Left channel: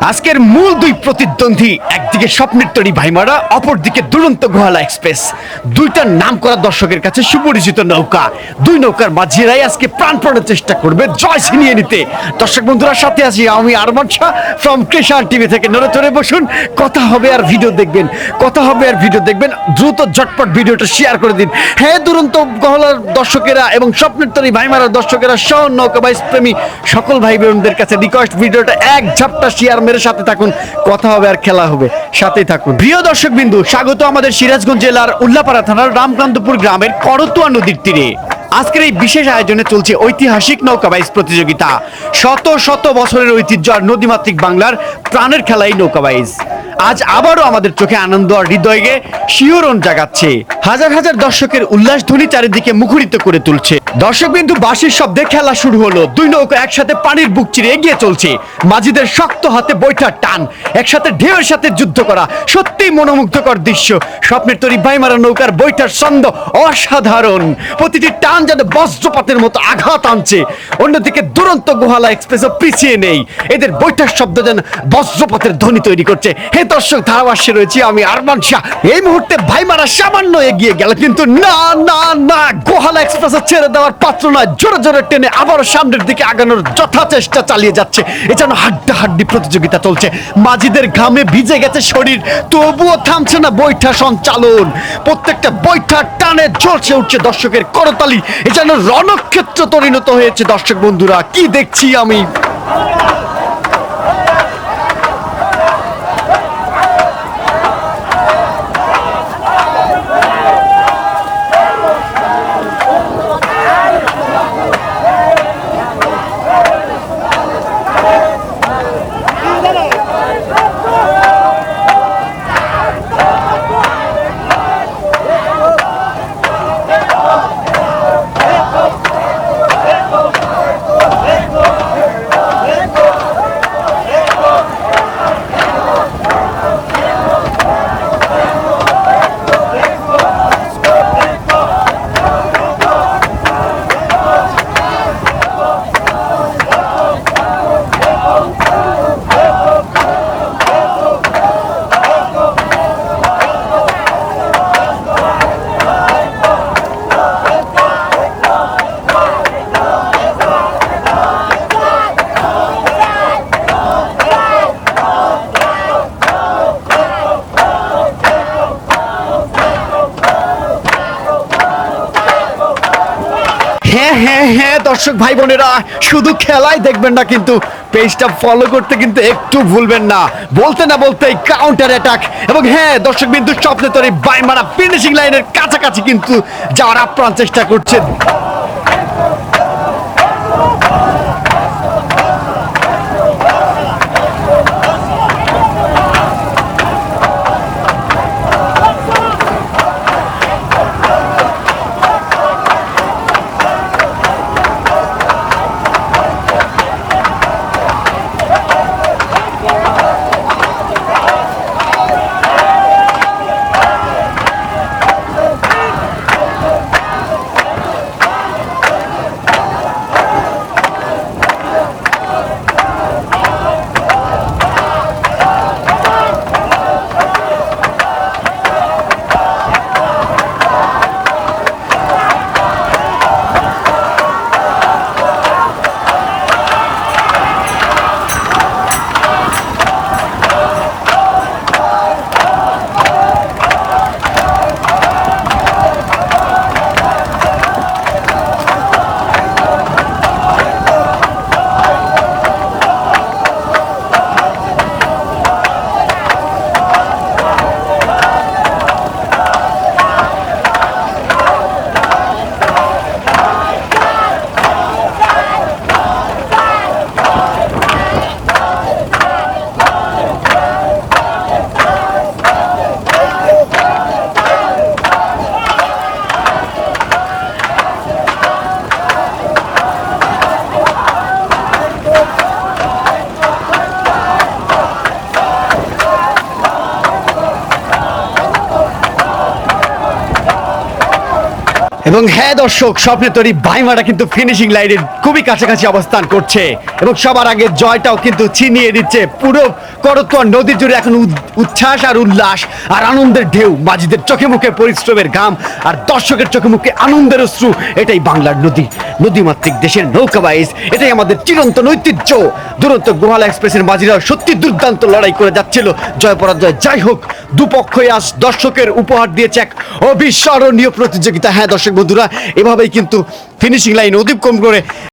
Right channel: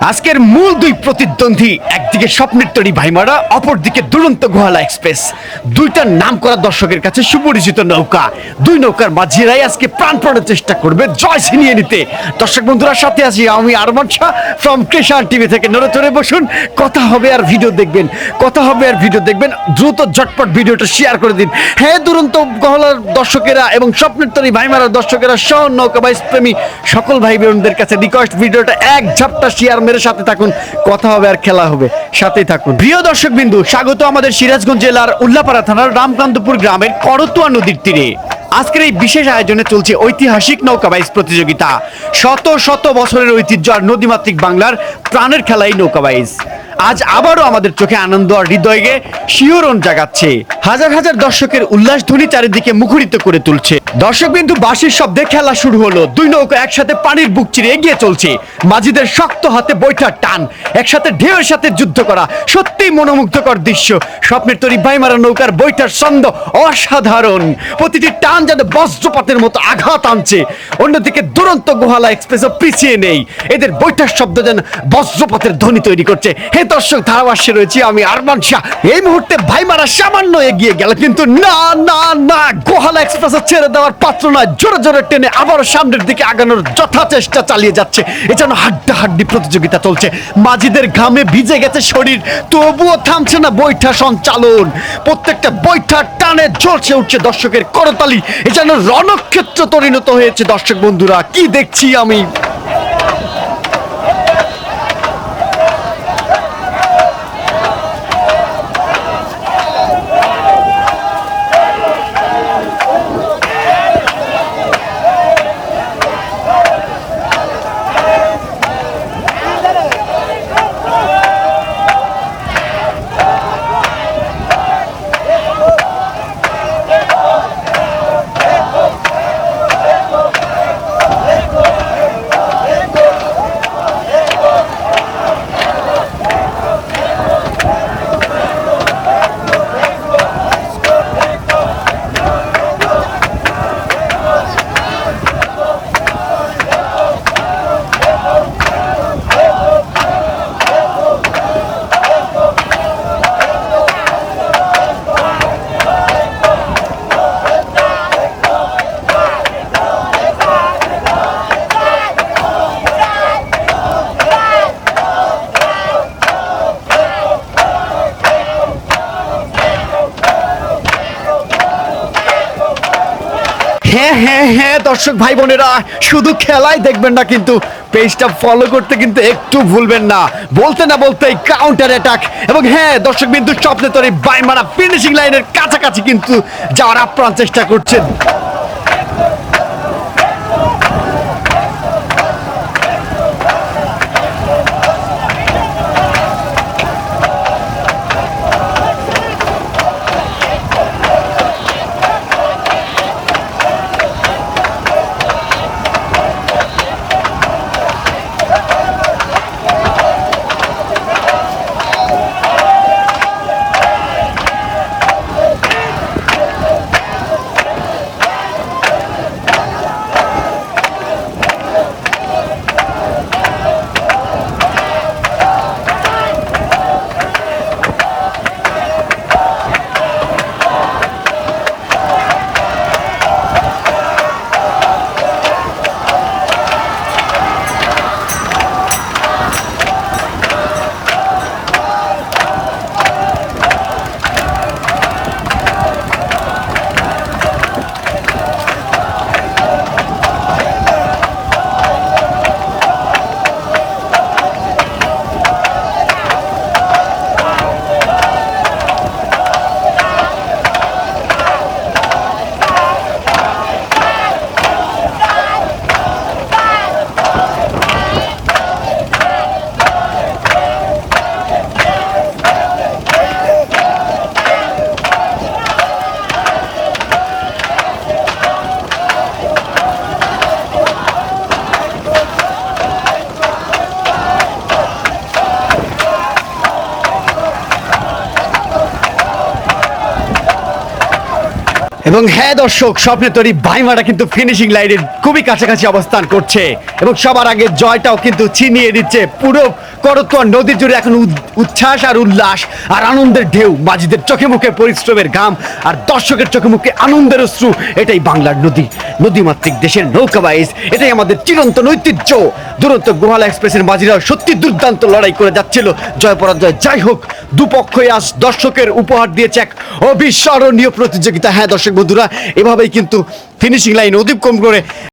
আজকের মূল দুই প্রতিদ্বন্দ্বী, একদিকে স্বপ্নের তরি ভাইমারা, অপরদিকে দুরন্ত গোহালা এক্সপ্রেস। দুইটার নাম করা দর্শকের কাছে সুপরিচিত নৌকা। দুই নৌকার মাঝিরাই আজকে প্রাণপণের চেষ্টা করবে, জয় ছিনিয়ে নিতে। দর্শক বন্ধুরা, সাথে আছি আমি আরমান শাহ ফ্রম কৃষাণ টিভি থেকে। নড়ে চড়ে বসুন, কথা হবে আর ভিডিও দেখবেন। কথা হবে আর ভিডিও দেখবেন। দ্রুত ঝটপট ভিডিওটা শেয়ার করে দিন। হ্যাঁ দুরন্ত গহলার দর্শকেরা এবং স্বপ্নের তরি ভাইমারার দর্শকেরা সহ নৌকা বাইস প্রেমী সকল ভাই বোনদের কাছে রিকোয়েস্ট ভিডিওটা এক ঝাপটা শেয়ার মেরে সাথে থাকুন, কথা হবে আর খেলা হবে, সাথেই থাকুন। প্রিয় দর্শক বিন্দু স্বাগত আমাদের সিরাজগঞ্জ জেলার উল্লাপাড়া থানার রামকান্তপুর গ্রামের করতুয়া নদীর তীরে। আজকের এই বিশেষ আয়োজনে চলছে ঐতিহাসিক নৌকা বাইচ প্রতিযোগিতা। শত শত বছরের ঐতিহ্য আর নদীমাতৃক বাংলার প্রাণের খেলা এই নৌকা বাইচ আজ আবারও আমাদের চোখে আনন্দ আর হৃদয়কে শিহরণ জাগাচ্ছে। হাজার হাজার দর্শকের উল্লাস ধ্বনি চারিদিকে মুখরিত করে তুলছে। দর্শক বিন্দু বাঁশির শব্দে খেলা শুরু হলো। দুই নৌকা একসাথে পানির বুক চিরে এগিয়ে চলছে। মাঝিদের শক্ত হাতে বৈঠার টান, একসাথে ঢেউয়ের সাথে যুদ্ধ করা সত্যিই মনোমুগ্ধকর দৃশ্য। স্বপ্নের তরি ভাইমারা নৌকার বৈঠার ছন্দ অসাধারণ। প্রতিটি টান যেন বজ্রপাতের মতো আঘাত আনছে। অন্যদিকে দুরন্ত গোহালা এক্সপ্রেসও পিছিয়ে নেই। এদের বৈঠার শব্দ যেন বজ্রপাতের ধ্বনি তৈরি করছে। হে দর্শক ধারাভাষ্যে রয়েছি, আমি আরমান শাহ। এই মুহূর্তে ভাইমারা সামান্য এগিয়ে গেল, কিন্তু না না না, গোহালা এক্সপ্রেস ছেড়ে দেওয়ার পাত্র নয়। জোরে জোরে টেনে আবারও সামনের দিকে আগানোর যথা চেষ্টা চালিয়ে যাচ্ছে। এ যেন হাড্ডা হাড্ডি প্রতিযোগিতা চলছে। মাঝিদের ঘামে ভিজে গেছে শরীর, তবুও থামছে না বৈঠা সঞ্চালন। প্রত্যেকটা বৈঠা টানে ঝলসে উঠছে দর্শকের করতালি। এ যেন রণক্ষেত্র পরিণত হয়েছে দর্শক বন্ধুরা, কি দেখছি আমি? হ্যাঁ হ্যাঁ হ্যাঁ দর্শক ভাই বোনেরা, শুধু খেলাই দেখবেন না কিন্তু পেজটা ফলো করতে কিন্তু একটু ভুলবেন না। বলতে না বলতে কাউন্টার অ্যাটাক এবং হ্যাঁ দর্শক বিন্দু স্বপ্নে তরে বাইমারা ফিনিশিং লাইনের কাছাকাছি কিন্তু যাওয়ার আপ্রাণ চেষ্টা করছেন। এবং হ্যাঁ দর্শক স্বপ্নে তৈরি ভাইমারা কিন্তু ফিনিশিং লাইনের খুবই কাছাকাছি অবস্থান করছে। এবং সবার আগে জয়টাও কিন্তু ছিনিয়ে দিচ্ছে পুরো করতোয়া নদী জুড়ে এখন উচ্ছ্বাস আর উল্লাস আর আনন্দের ঢেউ। মাঝিদের চোখে মুখে পরিশ্রমের ঘাম আর দর্শকের চোখে মুখে আনন্দের অশ্রু, এটাই বাংলার নদী। নদীমাতৃক দেশের নৌকা বাইজ এটাই আমাদের চিরন্তন ঐতিহ্য। দুরন্ত গোহালা এক্সপ্রেসের মাঝিরা সত্যি দুর্দান্ত লড়াই করে যাচ্ছিল। জয় পরাজয় যাই হোক, দুপক্ষই আজ দর্শকের উপহার দিয়েছে এক অবিস্মরণীয় প্রতিযোগিতা। হ্যাঁ দর্শক বন্ধুরা এভাবেই কিন্তু ফিনিশিং লাইন কম করে